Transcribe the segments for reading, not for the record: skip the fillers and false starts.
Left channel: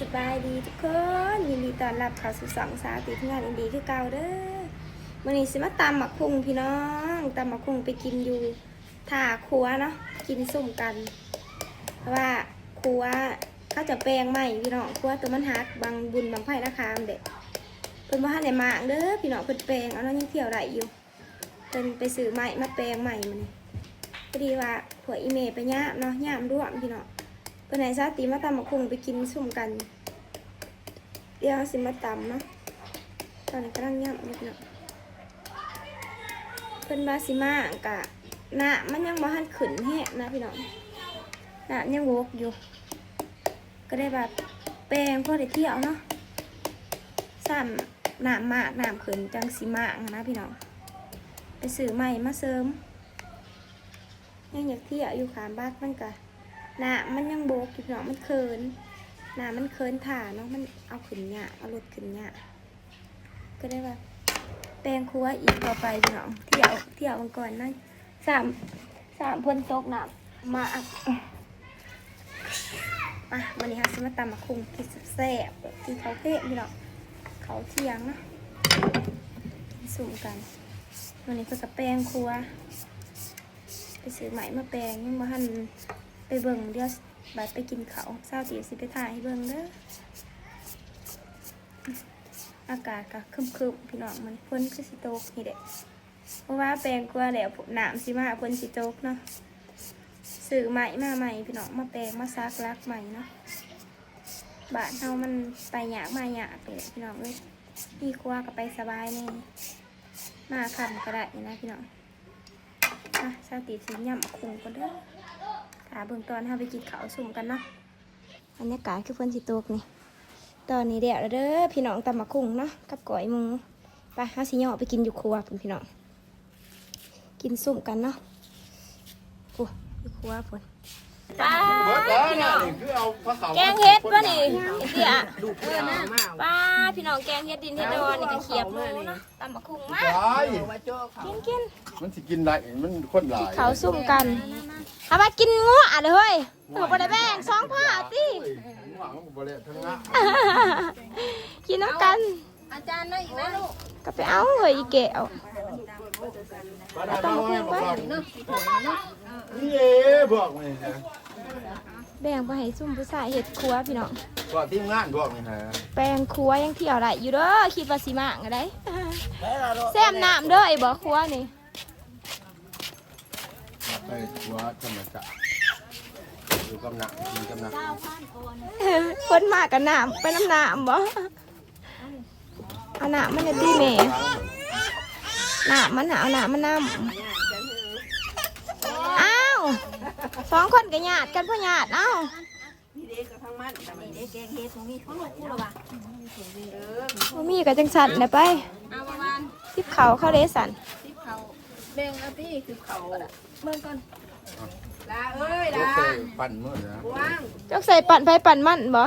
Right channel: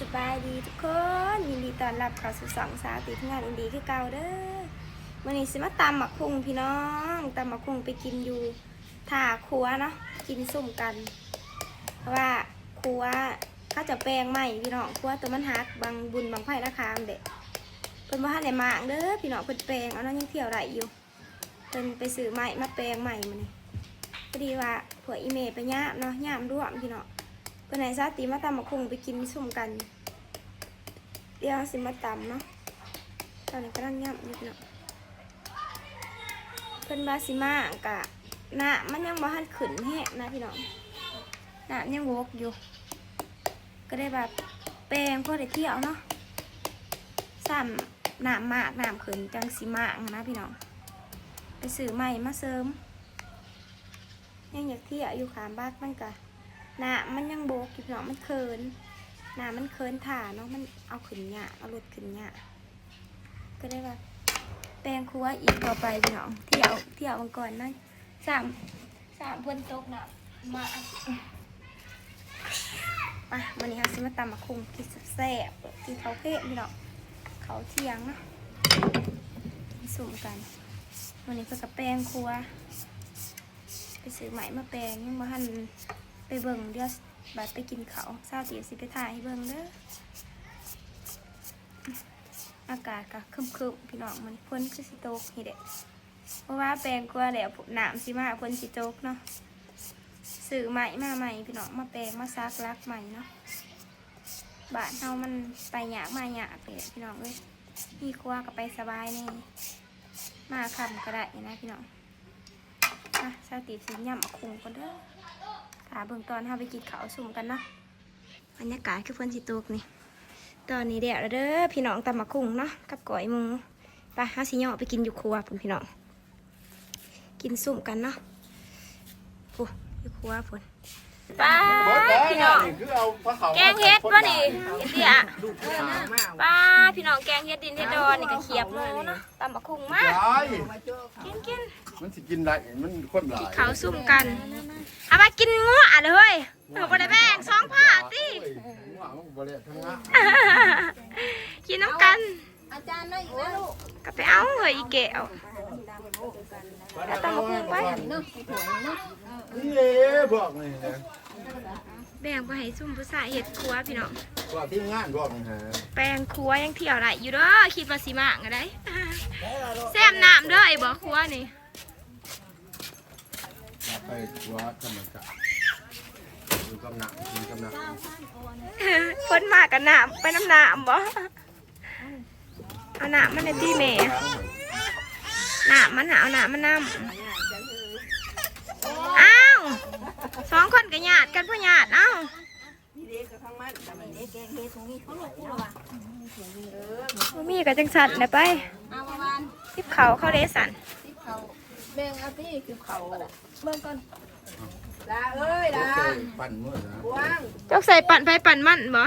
สบายดีทุกคนยินดีต้อนรับเข้าสู่สองสาวติดงานอินดีคือเก่าเด้อวันนี้สิมาตำหมักคุงพี่น้องตำหมักคุงไปกินอยู่ท่าครัวเนาะกินสุ่มกันเพราะว่าครัวเขาจะแปลงใหม่พี่น้องครัวตัวมันหักบางบุญบางไผ่ราคาเด็กเพิ่นว่าให้มากเด้อพี่น้องเพิ่นแปลงเอาเนาะยังเที่ยวได้อยู่เพิ่นไปซื้อใหม่มาแปลงใหม่มานี่พอดีว่าถั่วอีเมไปย่ามเนาะย่ามร่วมพี่น้องเพิ่นให้ซาติมาตำหมักคุงไปกินสุ่มกันเดี๋ยวสิมาตำเนาะตอนนี้กำลังย่ำนิดหน่อยเพิ่นบาสิมากะน้ำมันยังบ่ทันขึ้นแห้งนะพี่น้องน้ำยังวกอยู่ก็ได้แบบแปลงพอได้เที่ยวเนาะซ้ำน้ำมากน้ำขึ้นจังสิมากนะพี่น้องไปซื้อใหม่มาเสริมยังอยากเที่ยวอยู่ขามบ้านมันกะน้ำมันยังโบกอยู่พี่น้องมันเคินน้ำมันเคินถ่าเนาะมันเอาขึ้นหยาเอาลดขึ้นหยาก็ได้แบบแปลงครัวอีกต่อไปพี่น้องเที่ยวมันก่อนนะสามพ่นตกน้ำมาวันนี้ค่ะจะมาตำมะคุงกินแซ่บกินข้าวเทศพี่น้องเขาเที่ยงเนาะกินสุ่มกันวันนี้เพื่อกับแปลงครัวไปซื้อไหมมาแปลงยังบ่ทันไปเบิ่งเดี๋ยวบัดไปกินเขาเศร้าตีสิไปถ่ายให้เบิ่งเด้ออากาศก็คึมๆพี่น้องมันพ้นคือสิโตกนี่เด็กเพราะว่าแปลงครัวแล้วน้ำสิมาพ้นสิโตกเนาะซื้อใหม่มาใหม่พี่น้องมาแปลงมาซักลักใหม่เนาะบ้านเฮามันไปหยากมาหยากเลยพี่น้องเอ้ยมีครัวก็ไปสบายแน่มาคำก็ได้นะพี่น้องเศร้าตีสิย่ำคุงกันเด้อขาเบื้องตอนเฮาไปกินข้าวสุ่มกันเนาะบรรยากาศคือฝนสิตกนี่ตอนนี้เดี๋ยวเด้อพี่น้องตำมะคุงเนาะกับก๋อยหมูไปหาสิย่อไปกินอยู่ครัวพุ่นพี่น้องกินสุ่มกันเนาะโอ้อยู่ครัวพุ่นป้าพี่น้องแกงเฮ็ดป่ะนี่เดี๋ยวป้าพี่น้องแกงเฮ็ดดินเฮ็ดดอนนี่ก็เขียบหมูเนาะตำมะคุงมากกินมันสิกินได้มันคนหลายเขาสุ่มกันเอามากินงัวเลยเฮ้ยถูกไปได้แบ่งสองผ้าติกินน้ำกันอาจารย์น้อยอีกแล้วลูกก็ไปเอาเลยอีแก้วแบ่งไปให้ซุ่มผู้ชายเห็ดครัวพี่น้องว่าที่งานบอกนี่ฮะแปลงครัวยังเที่ยวได้อยู่เด้อคิดว่าสิมาก็ได้แซมน้ำเด้อไอ้บ่อครัวนี่ไปครัวธรรมศาสตร์ดูกำลังกินกำลังคนมากกับน้ำไปน้ำน้ำบ่เอาน้ำมันดีแม่น้ำมันเอาน้ำมันน้ำอ้าวสองคนกับญาติกันพ่อญาติเอ้ามีกับจังสันนะไปทิพเขาเข้าเดสันแบ่งเอาที่คือเขาเบื้องต้นลาเอ้ยลาปั่นมืดนะจกใส่ปั่นไปปั่นมันบ่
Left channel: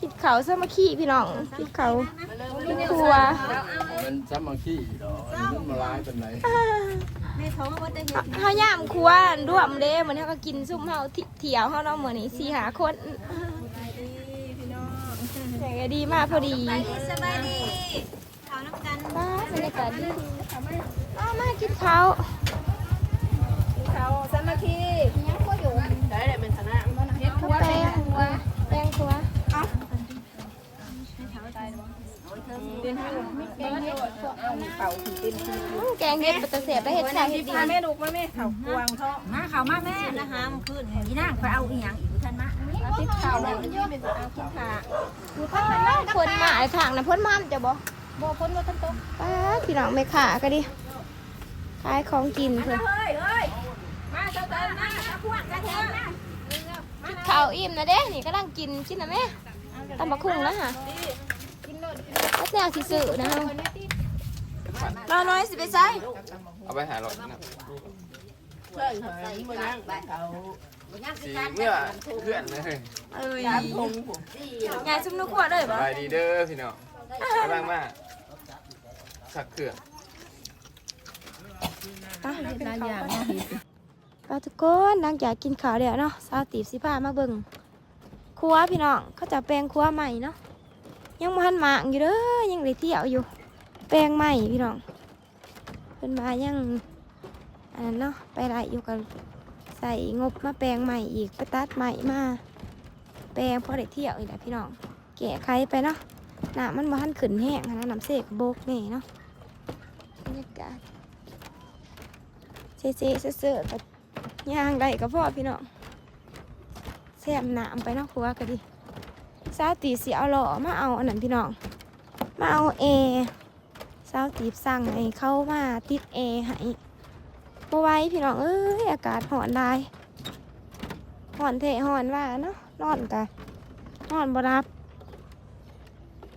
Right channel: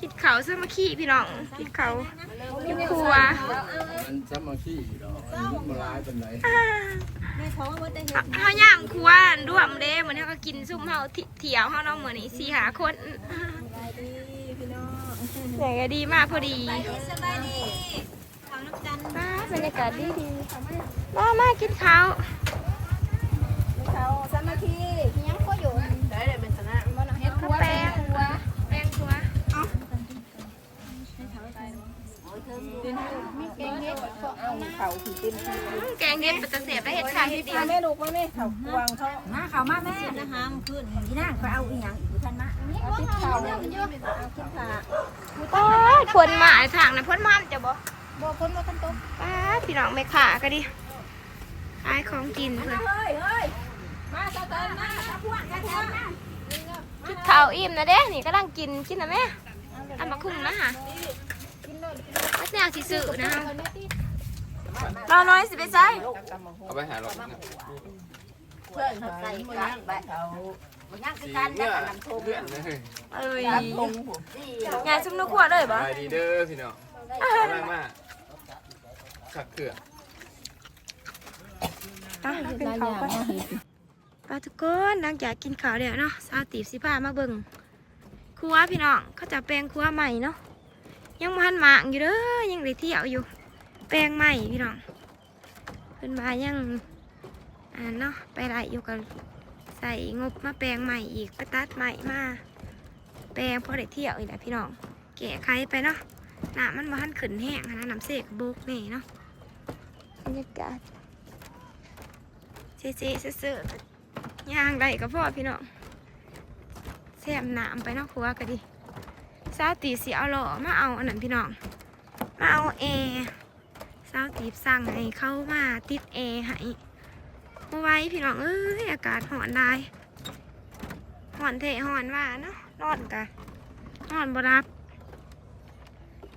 กินเขาซะมาขี้พี่น้องกินเขากินครัวมันซ้ำมาขี้ดอกมันมาลายเป็นไรเขาย่ามครัวร่วมเด้เหมือนเขาก็กินซุ่มเขาเถี่ยวเขาเนาะเหมือนนี่4 5 คนใหญ่ก็ดีมากพอดีสบายดีเขาน้ำกันบ้าบรรยากาศดีมากินเขาสามัคคีได้เลยเป็นชนะเฮ็ดครัวแปลงครัวแกงเฮ็ดปลาเสียบได้เห็ดชาเห็ดดีแม่ลูกมาแม่เขากวางท้องมาเขามาแม่นะฮะมันขึ้นยี่นั่งไปเอาอีหยังอีกท่านมาติดเขาเอาขึ้นขาโอ้ยพ้นมาทางนะพ้นมันจะบ่พ้นมาพ้นตรงพี่น้องไม่ขาก็ดิขายของกินเพื่อนมาเติมมาพวกกระเทียมนะข้าวอิ่มนะเด้นี่ก็ลังกินนะแม่ตำบักหุ่งนะฮะก็แซงสิสื่อนะเราน้อยสิไปใส่เอาไปหาหลอดนะสีเมื่อเพื่อนเลยงานซุ่มนุกขวดเลยบ่ไปดีเด้อพี่น้องแรงมากขักเขื่อนเป็นเขาไปทุกคนหลังจากกินข้าวเดี๋ยวเนาะสาวตีบสิพามาเบิ่ง ครัวพี่น้องเขาจะแปลงครัวใหม่เนาะยังพันหมางอยู่เด้อยังได้เที่ยวอยู่แปลงใหม่พี่น้องเพิ่นมายังอันนั้นเนาะไปไล่อยู่กันใส่งบมาแปลงใหม่อีกไปตัดใหม่มาแปลงพอได้เที่ยวอีกแหละพี่น้องแกะไขไปเนาะน้ำมันมาหันขึ้นแห้งนะน้ำเสกโบกนี่เนาะบรรยากาศเจ๊เสืๆย่างได้ก็พอพี่น้องแซ่บน้ำไปเนาะครัวก็ดีสาวตีสีเอาหล่อมาเอาอันนั้นพี่น้องมาเอาสาวตีสั่งให้เข้ามาติดให้เมื่อไว้พี่น้องเอ้ยอากาศร้อนได้ร้อนเทร้อนว่าเนาะร้อนกะร้อนบรับ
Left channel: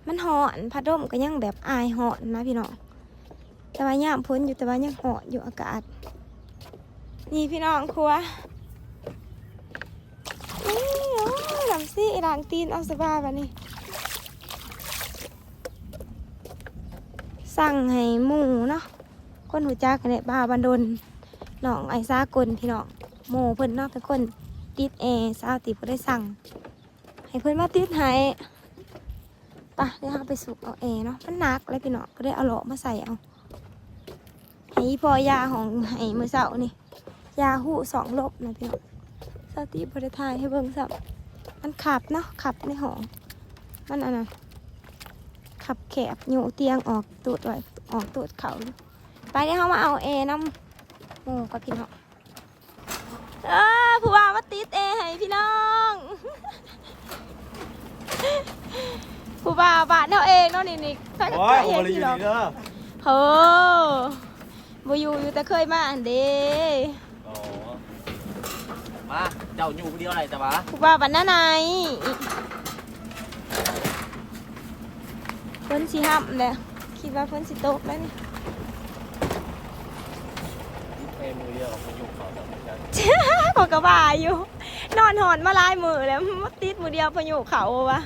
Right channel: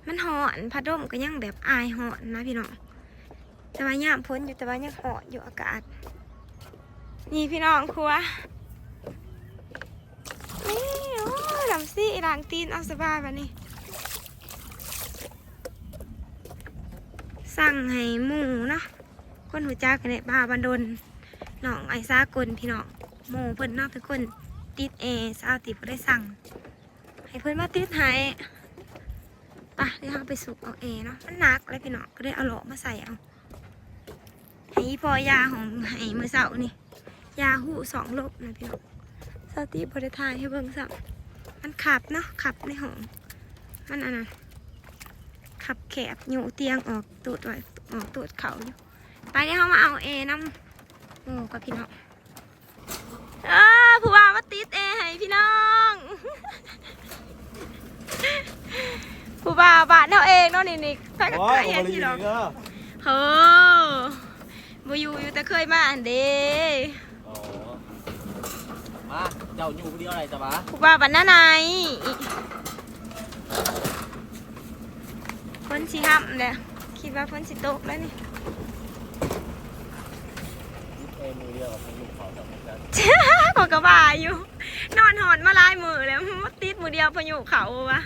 มันร้อนพัดลมก็ยังแบบอายร้อนนะพี่น้องแต่ว่าย่ามพ้นอยู่แต่ว่ายังร้อนอยู่อากาศนี่พี่น้องครัวนี่โอ้ยลำซี่ล้างตีนเอาสบายแบบนี้สั่งให้หมูเนาะคนหูจักกันเนี่ยบ้าบันดลน้องไอ้ซากลพี่น้องหมูเพิ่นเนาะเป็นคนติดสาวติดก็ได้สั่งให้เพิ่นมาติดให้ปะเดี๋ยวเราไปสุกเอาเนาะมันหนักเลยพี่น้องก็ได้เอาหล่อมาใส่เอาให้พอยาของให้มือเสานี่ยาหู2 ลบนะพี่น้องสาวติดบริทายให้เบิ่งสับมันขับเนาะขับในห้องมันอันนั้นขับแคบอยู่เตียงออกตูดไว้ออกตูดเขาอยู่ไปเดี๋ยวเรามาเอาน้ำโอ้กับพี่น้องผู้ว่ามาติดให้พี่น้องผู้ว่าบ้านเราเองเนาะนี่ถ้าจะ โอ้ย เห็น โอ้ย พี่ อยู่ น้อง นี่เด้อ โอ้บ่อยู่แต่เคยมาอันเด้ อ๋อ มาเจ้าอยู่คนเดียวอะไรจ้ะวะ ผู้ว่าบ้านหน้าไหนฝนสิห้ำเลยคิดว่าฝนสิตกแล้วนี่ นี่เทมือเดียวกับพายุเขาแต่เหมือนกัน พอกระบาอยู่นอนหอนมาลายมือแล้วมาติดมือเดียวพายุเขาวะ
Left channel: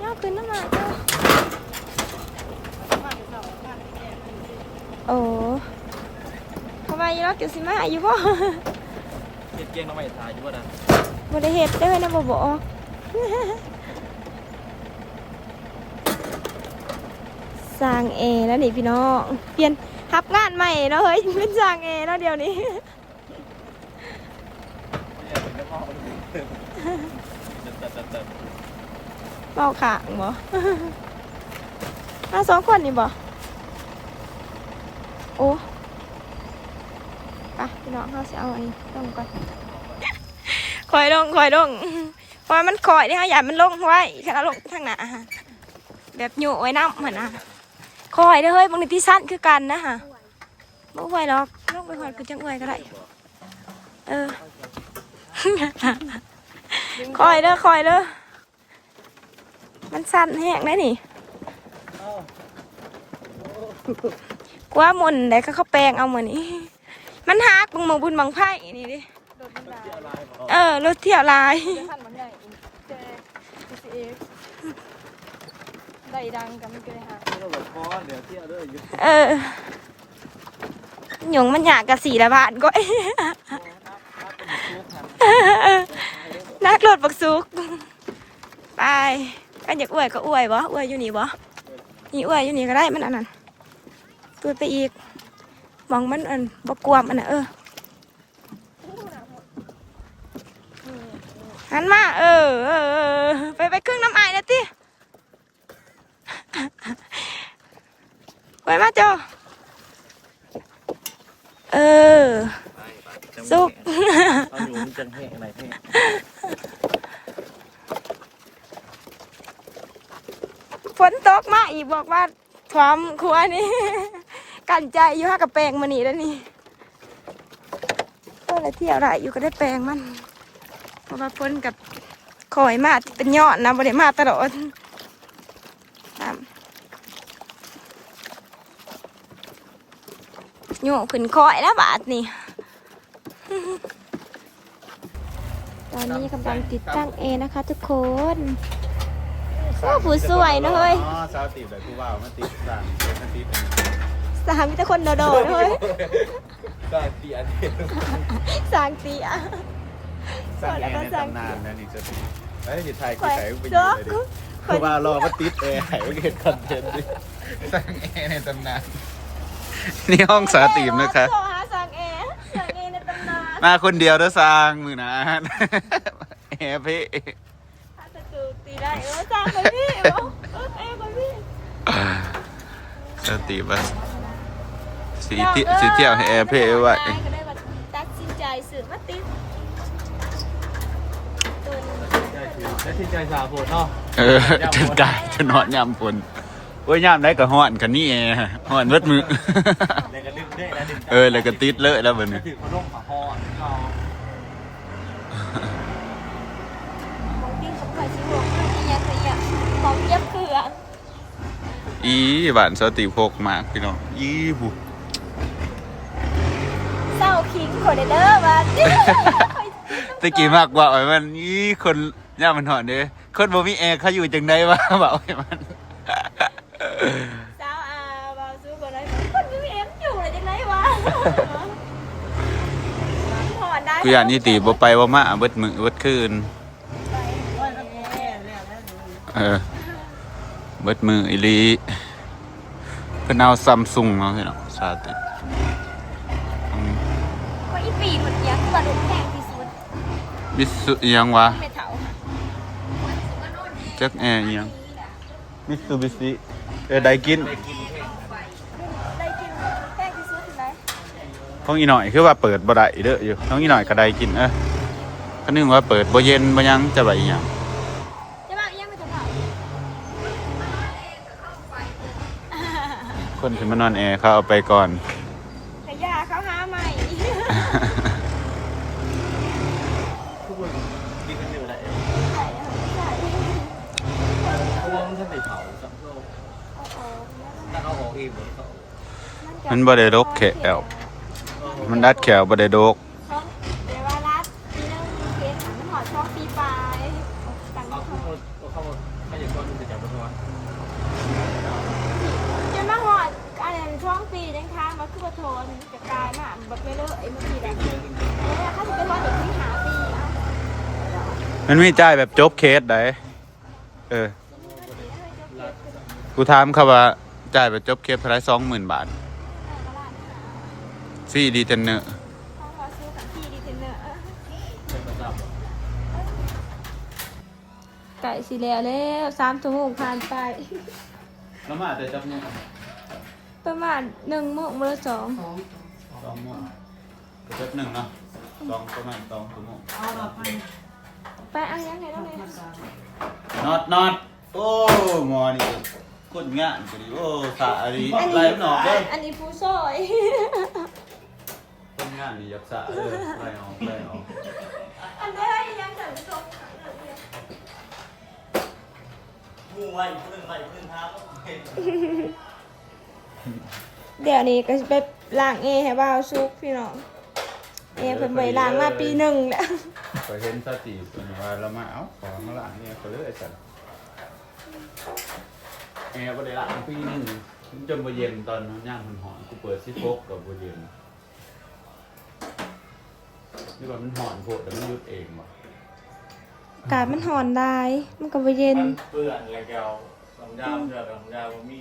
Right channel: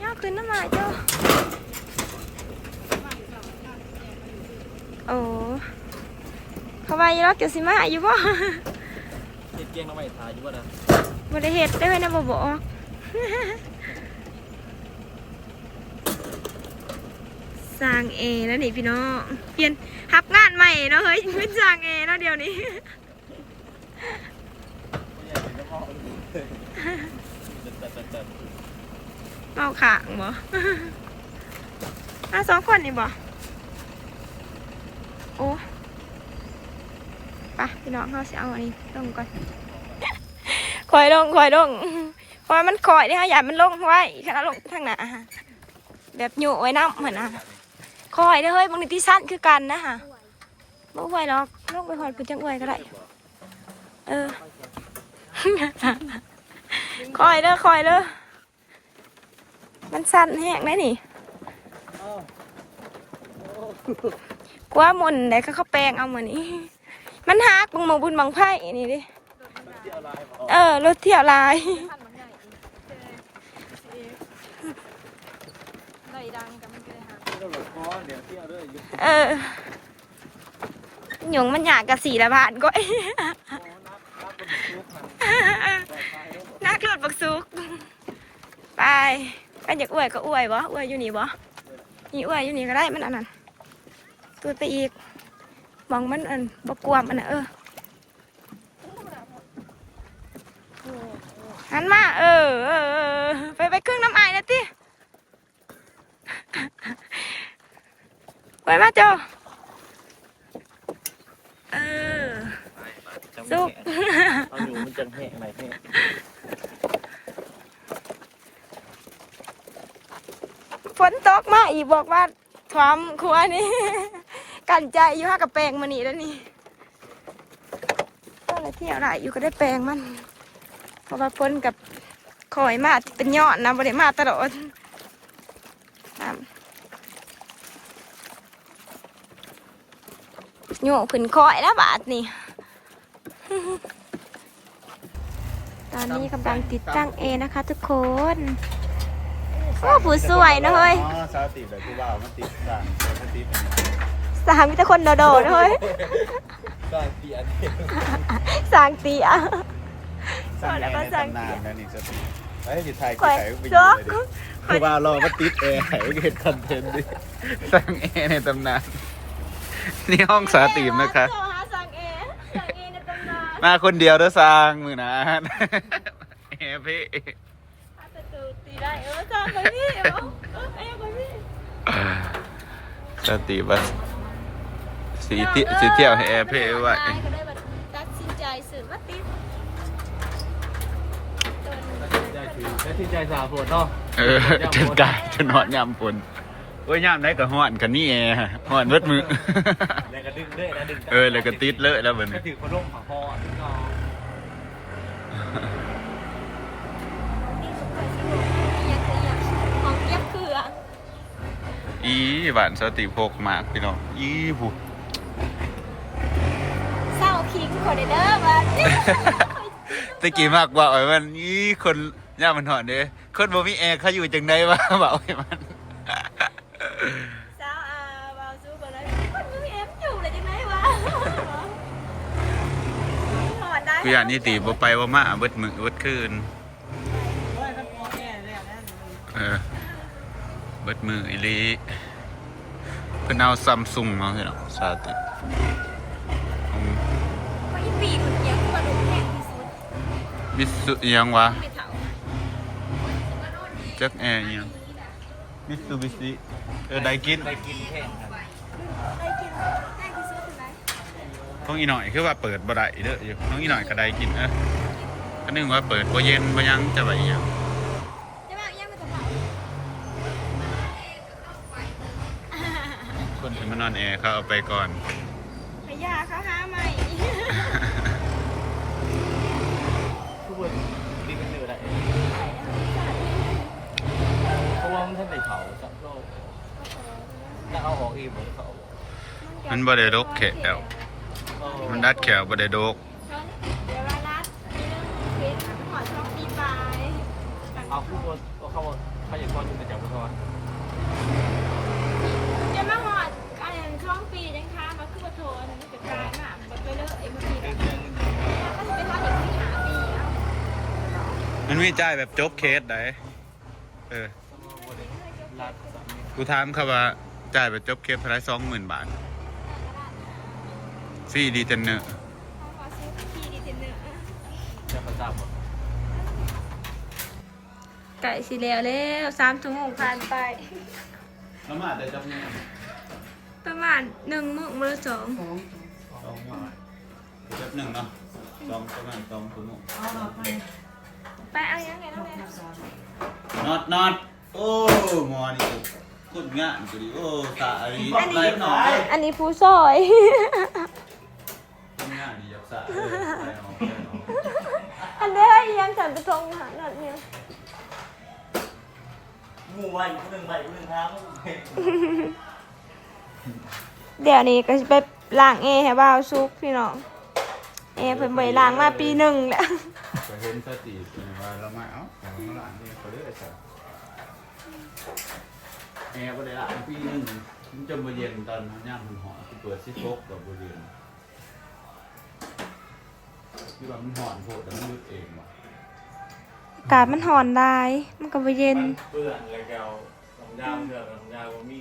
ย่าขึ้นน้ำมาเจ้าโอ้เขาว่าอยู่รถเกี่ยวสิมาอยู่ป่ะ เฮ็ดเกียงน้ำไม่ทายอยู่บ่นะ บริเหตุเด้อนะบ่บอกสร้างแล้วนี่พี่น้องเปลี่ยนทับงานใหม่เนาะเฮ้ยเป็นสร้างแล้วเดี๋ยวนี้ ไม่อยากเป็นเจ้าพ่อเลยจัด เมาขางบ่ 2 คนนี่บ่โอ้ไปพี่น้องเขาสิเอาอันนี้ลงก่อนคอยลงคอยมันคอยนี่ฮะอย่ามันลงไว้ฉันเอาลงทางหน้าแบบโยไว้น้ำเหมือนคอยได้เฮ้ยบางทีที่สั้นคือกันนะฮะบ่ไหวหรอกลงไปหอดคือจังอวยก็ได้คอยเด้อมันสั้นแห้งได้นี่กว่ามุนได้เขาแปลงเอาเหมือนนี้มันหักบางบุญบางไพ่นี่ดิรถเที่ยวลายหยงมันอยากกับ4 ละบาทก็นักรถบักซุกไปกันอยากอวยก็อวยบ่อวยอยู่นี่บ่นี่อวยอยู่นี่ก็ได้มันอันนั้นตัวไปอีกมองมันอันบกวมอันน่ะหันมาไปครึ่งน้ำไอ้นะติไปมาโจสุก เอาอยู่มันจังแห้งไหนแห้ง ฝนตกมาอีกบอกว่าความครัวนี่กันใจอยู่ห้ากับแปลงมานี่แล้วนี่โอ้อะไรที่อะไรอยู่ก็ได้แปลงมันเพราะว่าฝนกับคอยมาเป็นยอดนะบริมาตลอดโยกขึ้นคอยแล้วบาทนี่ ตอนนี้กำลังติดตั้งนะคะทุกคนโอ้ผู้สวยนะเฮ้ย สาวติดแบบที่ว่ามันติดมันติด สามมีแต่คนโดดๆนะเฮ้ย ได้เตียน สางเตีย พอแล้วก็สั่ง นานนะนี่จะไอ้ยอยู่ไทย ข่อย ไป โจ๊ก เพราะว่ารอก็ติดแอร์ให้เห็นคอนเทนต์ดิสร้างแอร์ในตำนานนี่ห้องสาติมนะคะ โทรหาสั่งแอร์สั่งแอร์ในตำนาน มาคนเดียวเด้อสร้างมือนะแอร์พี่ ถ้าจะดูตีได้สั่งคนพี่เหรอเอ้คนพี่ สติบัสสีเที่ยวให้แอร์พี่ไว้ ก็ได้มาตัดสินใจสื่อมาติ และที่ใจสาวปวดเนาะ ถึงกายจะนอนยามฝนโอ้ยยามได้ก็ฮ้อนกันนี่แอร์ฮ้อนเบิดมือ เลยก็ดึงได้แล้วดึง เลยก็ติดเลยแล้วบัด ก็ นี้ ถือเขาล่มผักคอนี่ก็ ที่สำคัญสิบอกยังของเย็บเผือก อีบ้านสติพกมากพี่น้องอีผู้ เศร้าคิงคนเด้อวัน ตะกี้มากกว่ามันอีคนย่ามันหอนเด้คนบ่มีแอร์เขาอยู่จังได๋วะเบาให้มัน เศร้าเบาสู้ก่อนเลยคนยังเอ็มอยู่เลยจังไรวะถอนได้ กูอยากนี่ตีบ่ไปบ่มาเบิดมื้อเบิดคืนเบิดมืออีหลีเพิ่นเอาซัมซุงมาพี่น้องสาธิต คนที่ปีดมันยังกระดูกแตกที่สุด บิสุอิหยังวะ ไม่เถา จักแอร์อิหยังมิซูบิชิไดกิน ไปกินแค่ ได้กินแตกที่สุดถึงไหม ของอีหน่อยคือว่าเปิดบ่ได้เด้ออยู่ของอีหน่อยก็ได้กินก็นึกว่าเปิดบ่เย็นบ่หยังจะว่าอีหยัง จะมายังไม่จะเผา คนที่มานอนแอร์เขาเอาไปก่อน ขยาเขาหาใหม่ ทุกคนดีกันเยอะแหละ ใส่ใส่ เพราะว่ามันท่านได้เผาสักโลกถ้าเอาออกเองหมดเขา มันบ่ได้ดกแขวมันดัดแขวบ่ได้ดก เดี๋ยวว่ารัดนี่นะมันมีเคสมันหอดช่องปีปลายต่าง เอา ๆ พูดว่าเขาถ้าอย่างทอดจะจับมาทอด จนมาหอดอะไรช่วงปีจังทางมาคือโทนจะกลายมาบักเลยไอ้เมื่อกี้แบบแล้วเขาจะไปทอดเด็กที่หาปีเอา มันมีจ่ายแบบจบเคสได้กูถามเขาว่าจ่ายแบบจบเคสเท่าไหร่ 20,000 บาทซี่ดีเทนเนอร์ ถ้าพอซื้อของพี่ดีเทนเนอร์ จะมาจับ ไก่สีแล้วแล้ว3 ชั่วโมงผ่านไป แล้วมาแต่จับนึง ประมาณ1 โมงมื้อ2 2 โมงจับนึงเนาะประมาณ2 ชั่วโมง ไปเอายังไงแล้วเนี่ย น็อตโอ้หมอนี่คนงานกูดิโอ้สาอันนี้ไล่มันออกเด้ อันนี้ผู้ซอย คนงานนี่อยากสาไล่ออก อันนี้ยังสั่นกระทงหางอันนี้ งูไว้ผู้หนึ่งครับ เดี๋ยวนี้ก็จะไปล้างให้บ่าวซุกพี่น้องเพิ่นไปล้างมาปี1แล้ว ไปเห็นสติเป็นว่าเรามาเอาของมาล้างเนี่ยเขาเลยสั่นแอร์บ่ได้ล้างปีนึงมันจนบ่เย็นตอนนั้นย่างมันหอนกูเปิดสิฟกกับบ่เย็นนี่ว่ามันหอนโพดแต่มันยุดเองบ่ อากาศมันร้อนได้มันก็บ่เย็น เปื่อนเลยแกวสองดาวเดือดสองดาวมี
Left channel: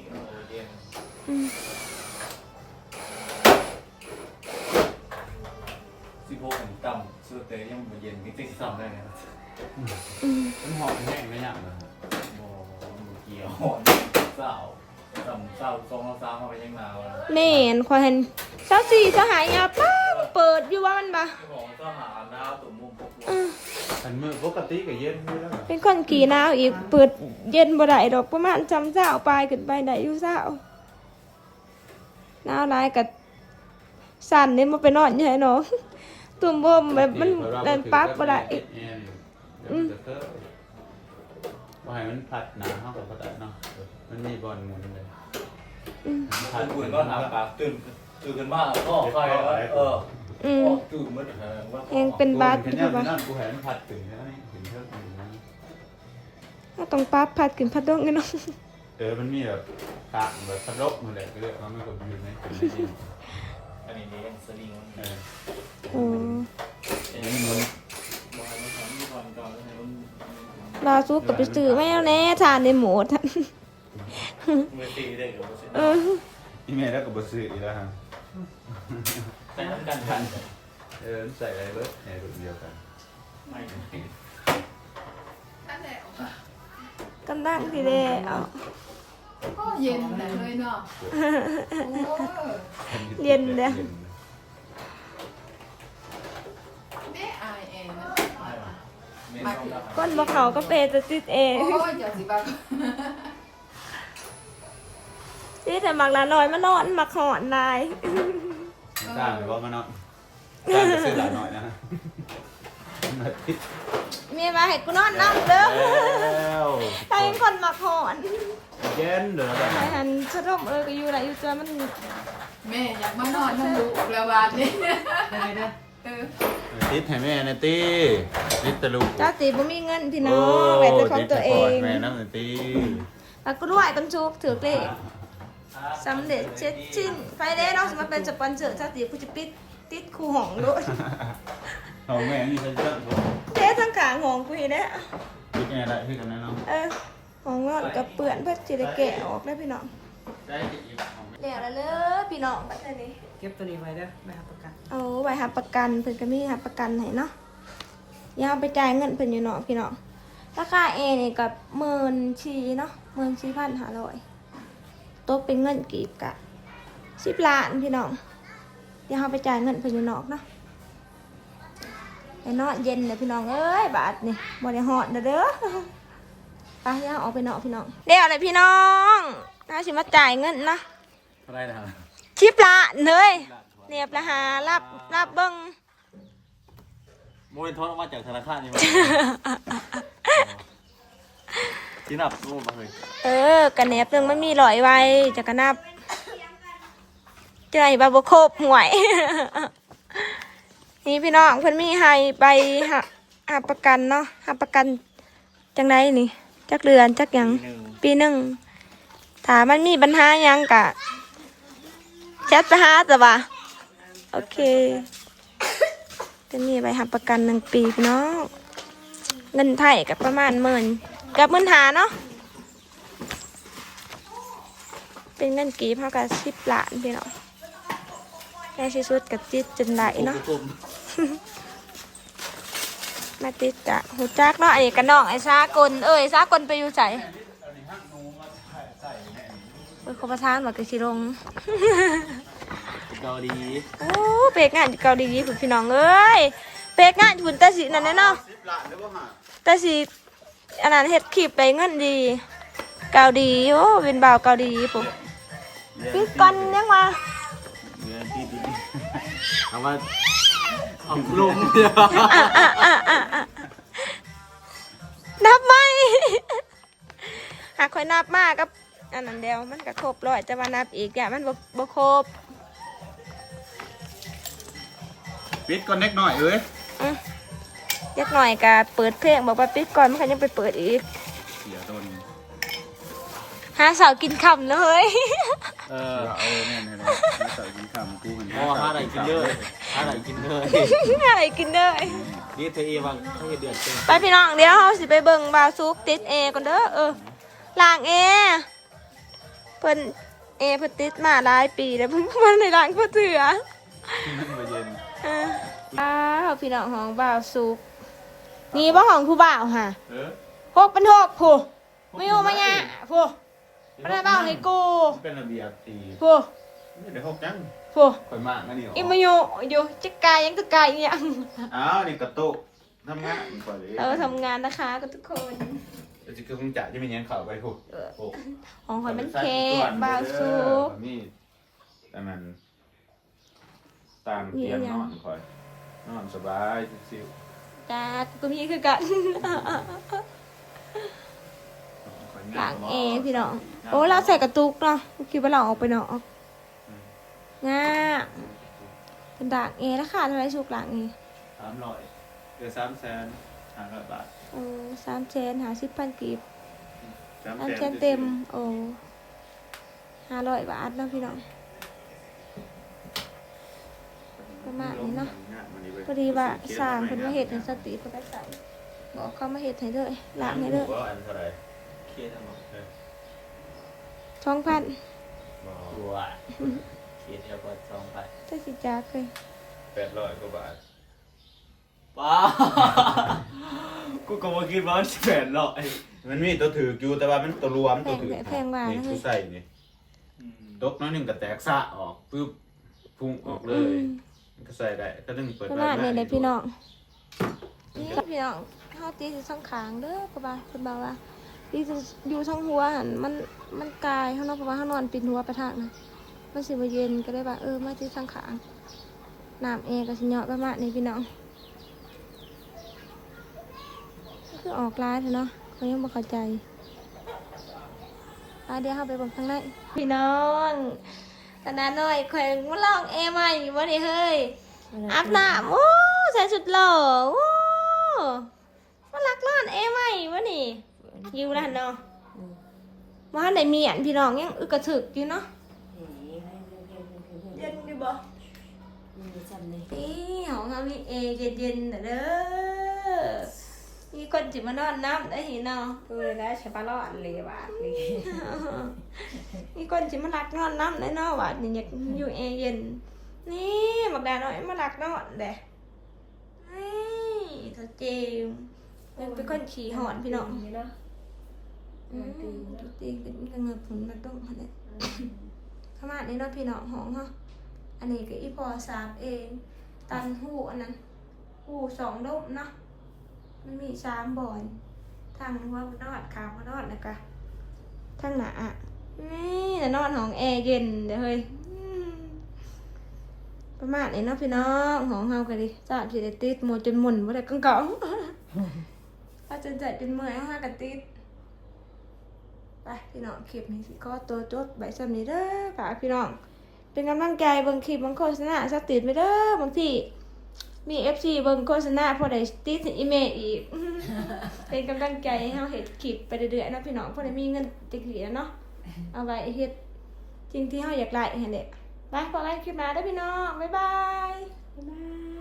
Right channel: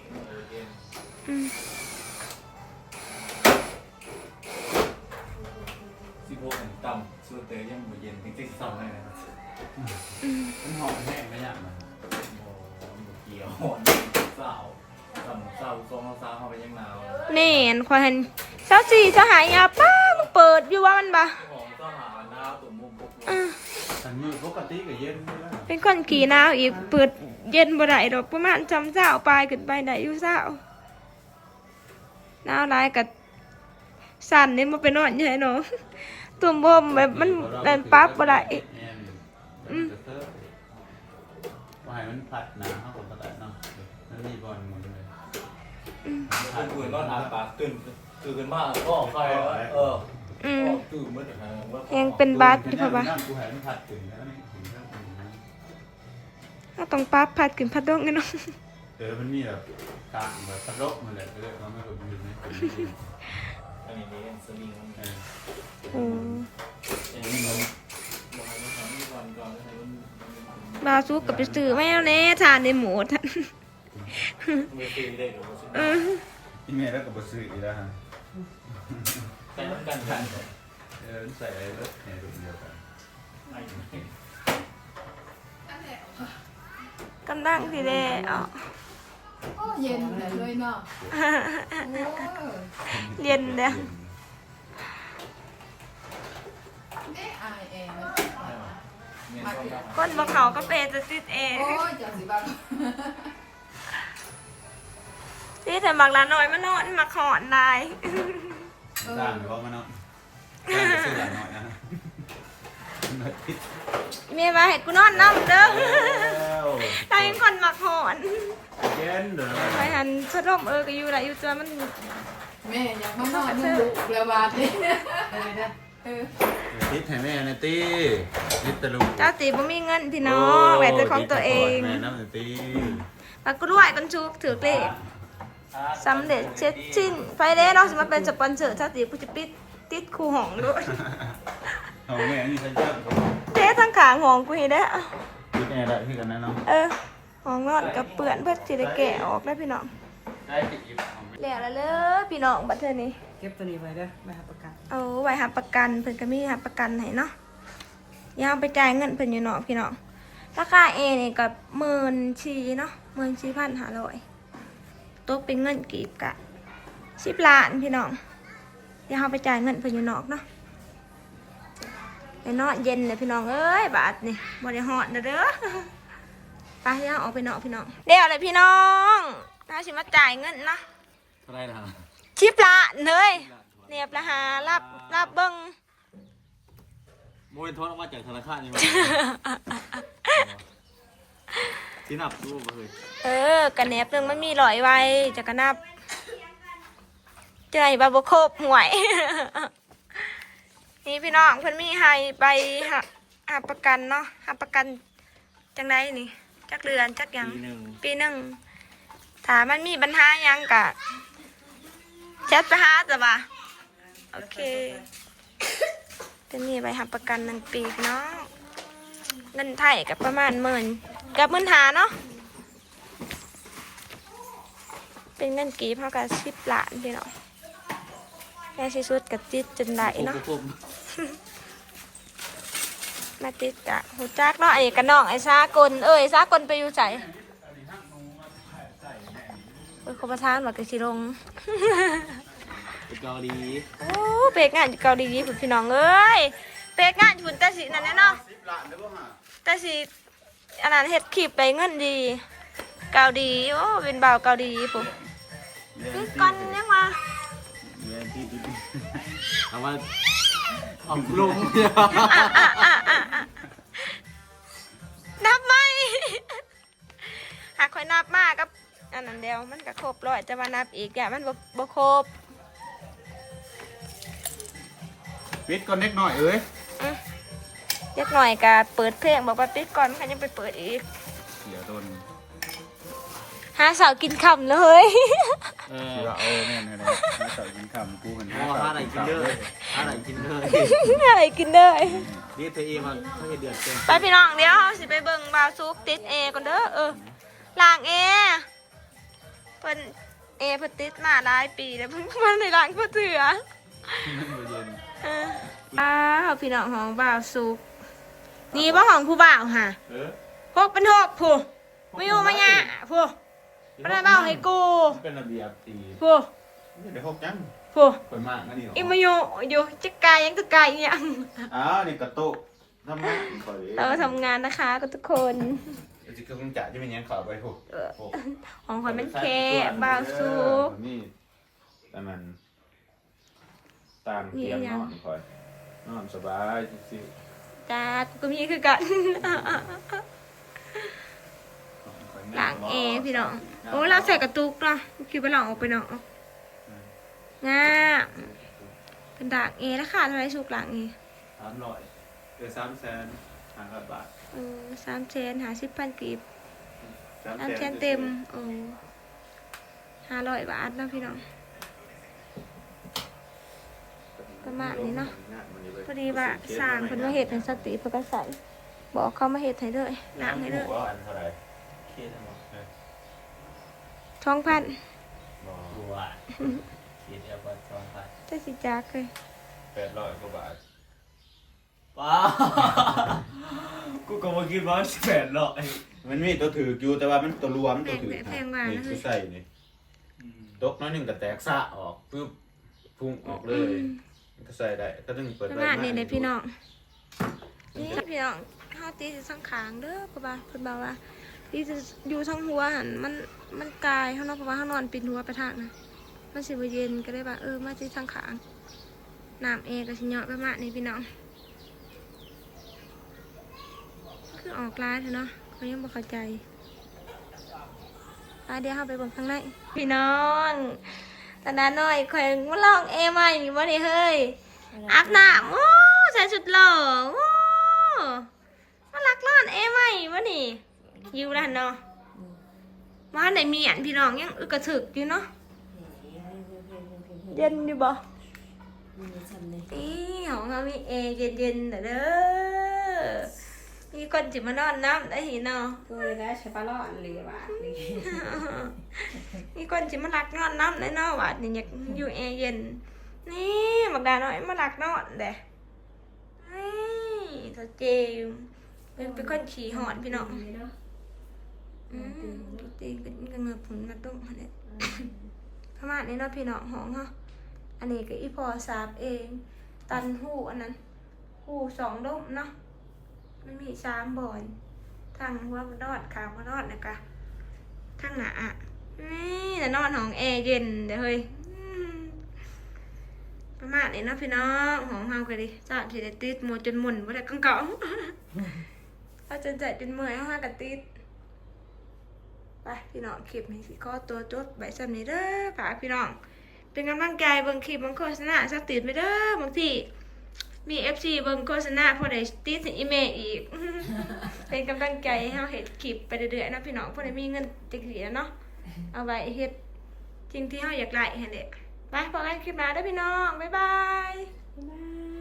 เย็น อืม ที่พวกผมต่ำสุดแต่ยังไม่เย็นมีติ๊กสองได้ไหม มันหอนแห้งก็ย่างเลย โอ้เกี่ยวเศร้าต่ำเศร้าทรงเศร้าเข้าไปยังหนาวเลย แม่นข่อยเห็น24 25อ่ะป้ามันเปิดอยู่ว่ามันบ่ ของทหารดาวตุ่มมุมพวก มันมือปกติก็เย็นอยู่แล้ว เป็นคนขี่หนาวอีกเปิดเย็นบ่ได้ดอกประมาณจำเช้าปลายขึ้นไปได้อยู่เช้าหนาวหลายก็สั่นนี่มันไปนอนอยู่ไหนเนาะตุ่มบ่มแบบมันนั่นปั๊บบ่ได้ ว่าให้มันพัดน้ำเข้ากับพัดได้เนาะมันมีบอลหมุนเลย ท่านอื่นก็ทำปากตื่นกันมากก็ใครตื่นเมื่อไหร่ว่า ยังเป็นบาดอยู่ ป่ะ ป่ะ กูเห็นพัดถึงแล้วนี่ถึงเท่าไหร่นะ ถ้าต้องปั๊บพัดขึ้นพัดดงกันเนาะ มันมีแบบกางแบบพัดลบมาเลยก็เลยว่าไม่กดอยู่ใน อันนี้เลี้ยงสลิงมัน อืม บอกให้มันทำที่ก่อนให้มัน บาซุกกับไปซื้อไม่เอาแน่ทานในหมูท่าน ไม่ตีได้หรือว่า เออ อีเมลแล้วก็บ่ซื้ออีกแล้วฮะ แต่มันกันกัน ใส่อะไรรถในรูปเดียวกัน กำลังสิเด้เอา ก็เย็นแต่เลยเนาะ เรียนเด้อ แม่อายเองมัน ก้นบ่เขาก็เปจะติดเอง โอ้ยจังสิบ้า ติดแต่บักละน้อยมันนอนมาขอนลาย จ้างหรือว่ามาเนาะจ้างจะซื้อหลายหน่อยนะ เมียมาให้กูนอนน้ำเด้อ แล้ว ถ้าเป็นคนมาขอน เย็นเด้อ ไปหันสะดมก็อยู่ไรอยู่เจอมัน แม่อยากมานอนมันดุเรือบาดนี่เออ ติดให้แม่นะตีติดตะลุก เจ้าตีบ่มีเงินพี่น้องแบบเป็นของตัวเอง แม่น้ำนะตี แล้วก็ด้วยกันชุกถือเลขสำเร็จเช็ดชิ้นไฟเด้เนาะสมมาเป็นสปอนเซอร์เจ้าตีผู้จะปิดติดคู่ห้องด้วย เอาแม่นี่ฉันจะ เด้ทั้งขาห้องกูเห็นได้อ ติดยังไงได้พี่กันนะเนาะ เออห้องนอนกับเปื่อนเพื่อจะได้แกะออกได้พี่น้อง ได้ติดอยู่ แล้วละเลยพี่น้องบัดเทอนี้ เก็บตัวนี้ไว้เด้อแม่ครับประกัน เอาไว้หาประกันเพิ่นก็มีหาประกันให้เนาะอย่าเอาไปจ่ายเงินเพิ่นอยู่เนาะพี่น้องราคาเอนี่กับ14,000เนาะ14,500ตกเป็นเงินกีบกะ10 ล้านพี่น้องอย่าเอาไปจ่ายเงินเพิ่นอยู่นอกเนาะไอ้เนาะเย็นเลยพี่น้องเอ้ยบาทนี่บ่ได้ฮอดเด้อไปย่าออกไปเนาะพี่น้องเดี๋ยวเลยพี่น้องน่าสิมาจ่ายเงินเนาะ เท่าไรนะครับ 10 ล้านเลยเรียบละหารับเบิ่ง โมยทอนมาจากธนาคารนี่มาที่นับรูปมาเลย กันแนบหนึงมันมี100ไว้จะกระนับใจบาบ่ครบหวย นี่พี่น้องเพิ่นมีให้ไปหาประกันเนาะหาประกันจังไดนี่จักเรือนจักหยังปีหนึ่งถ้ามันมีปัญหาหยังกะแชทไปหาจ้ะบ่าโอเคก็มีไปหาประกัน1 ปีพี่น้องเงินไทยกับประมาณ10,000กับ15,000เนาะเป็นเงินกีบเท่ากับ10 ล้านพี่น้องได้ที่สุดกับจิตจนได้เนาะ มาติดจะหูจักเนาะไอ้กระน้องไอ้ซากลซากลไปอยู่ใส่เขาประทานบอกกระชิลง เกาหลี โอ้เปกงานอยู่เกาหลีคุณพี่น้องเอ้ยเปกงานอยู่แต่สินั่นแน่เนาะแต่สิอันนั้นเฮ็ดคลิปไปเงินดีเกาหลีโอ้เป็นบ่าวเกาหลีปุ๊บพี่ก่อนยังมา เอามาเอาลง นับไหม หากคอยนับมากกับอันนั้นเดียวมันก็ครบร้อยแต่ว่านับอีกอย่างมันบ่ครบ ปิดก่อนเล็กหน่อยเอ้ย เล็กหน่อยก็เปิดเพลงบอกว่าปิดก่อนมันก็ยังไปเปิดอีก เดี๋ยวโดน หาสาวกินคำเลย เอาแน่เลยใส่กินคำกูเหมือน อ๋อหาอะไรกินเลยหาอะไรกินเลย อะไรกินได้ นี่เธอเอมาเขาจะเดือดเต็ม ไปพี่น้องเดี๋ยวเราสิไปเบิ่งบาวซุกติดเอก่อนเด้อล้างเอเพิ่นเพิ่นติดมาหลายปีแล้วเพิ่งมาในล้างก็เถื่อ นั่นมาเย็น พี่น้องของบ่าวซุกนี่บ่ของผู้บ่าวค่ะ เออ 6เป็น6ผู้ไม่อยู่มาเนี่ยผู้บ่ได้เว้าให้กู เป็นระเบียบตี ผู้ เดี๋ยวหกจัง ผู้ คนมากนะนี่ อีมาอยู่จักกายยังตะกายอีหยัง อ้าวนี่กระตุกทำงานก่อนเลย เราทำงานนะคะกับทุกคน จะคือคงจ่าที่มันยังข่าวไปถูก ของคนมันแค่บ่าวซุก นี่แต่มันตามเตียงนอนคอยนอนสบายซิว กาดกูมีคือกันหลังเอพี่น้องโอ้เราใส่กระตุกเนาะคิดว่าเราออกไปเนาะง่าเป็นดักเอแล้วค่ะเท่าไรสุกหลังเอ 300เดือน300,000 บาท 300,000 50,000กีบ300,000เต็ม500 บาทนะพี่น้อง ประมาณนี้เนาะพอดีว่าสร้างเพิ่นมาเฮ็ดให้สติเพิ่นก็ใส่บอกเขามาเฮ็ดให้เลยล้างให้เลย ว่าอันเท่าไหร่เคสทั้งหมด 2,000 บัวเคสแอลกอฮอล์2,000 ถ้าสิจักเลย 800กว่าบาท ป้ากูก็มาคิดว่า800มันมีตัวถืออยู่แต่ว่ามันตัวรวมตัวถือ แพงกว่า นี่ นะ คื เฮ้ อย ใส่นี่ตกน้อยหนึ่งก็แตกซะออกปึ๊บพุ่งออกเลยมันก็ใส่ได้ก็ต้องเปิด ประมาณนี้เลยพี่น้องนี่พี่น้องเฮาตีสิสังขางเด้อเพราะว่าเพิ่นบอกว่าตีสิอยู่ทั้งหัวหั่นมันกายเฮาเนาะเพราะว่าเฮานอนปิดหัวไปทางนะมันสิบ่เย็นก็เลยว่ามาสิสังขางน้ำเอก็สิเหยาะประมาณนี้พี่น้องคือออกลายเถอะเนาะเขายังบ่เข้าใจเดี๋ยวเฮาไปเบิ่งข้างในพี่น้องตอนนั้นน้อยข่อยมาลองใหม่นี่บ่ได้เฮ้ยอาบน้ำโอ้ใส่ชุดหล่อโอ้มาลักนอนใหม่บ่นี่อยู่นั่นเนาะมาไหนมีอันพี่น้องยังอึกกระถึกอยู่เนาะเย็นอยู่บ่นี่ของเขามีเย็นๆเด้อมีคนสิมานอนน้ำได้เนาะ คือได้ใช้ปลาล่อนเลยว่าเลย มีคนสิมาลักนอนน้ำได้เนาะว่านี่อยากอยู่เย็นนี่บักดาน้อยมาลักนอนเด้นี่เธอเจมเป็นคนขี่หอนพี่น้องตีเป็นกระเงือกผลมาต้มมาเนี่ยประมาณนี้เนาะพี่น้องห้องเนาะอันนี้ก็อีพอสาบเองตันหูอันนั้นหู2 ดมเนาะมันมี3 บ่อยทางหัวมันนอดขางมันนอดนะคะทางหนานี่แต่นอนห้องแอร์เย็นเดี๋ยวเฮ้ยประมาณนี้เนาะพี่น้องห้องเฮากันดิจ้าที่ได้ติดหมดจนหมุนบ่ได้กังเก่าถ้าจนใจจนเมื่อยเฮากันติดไปพี่น้องคลิปนี้สิก็ตัวจดใบซ้ำนี้เด้อฝากพี่น้องเป็นกำลังใจเบิ่งคลิปเบิ่งโฆษณาสักติดไปเด้อบางทีมี FC เบิ่งโฆษณาพอได้ติดอีเมลอีก เป็นกำลังใจให้เฮาเฮ็ดคลิปไปเรื่อยๆนะพี่น้องพอได้มีเงินติดเหรียญเนาะเอาไว้เฮ็ดสิ่งที่เฮาอยากได้หั่นแหละไปพอกันคลิปหน้าเด้อพี่น้องบ๊ายบาย บ๊ายบาย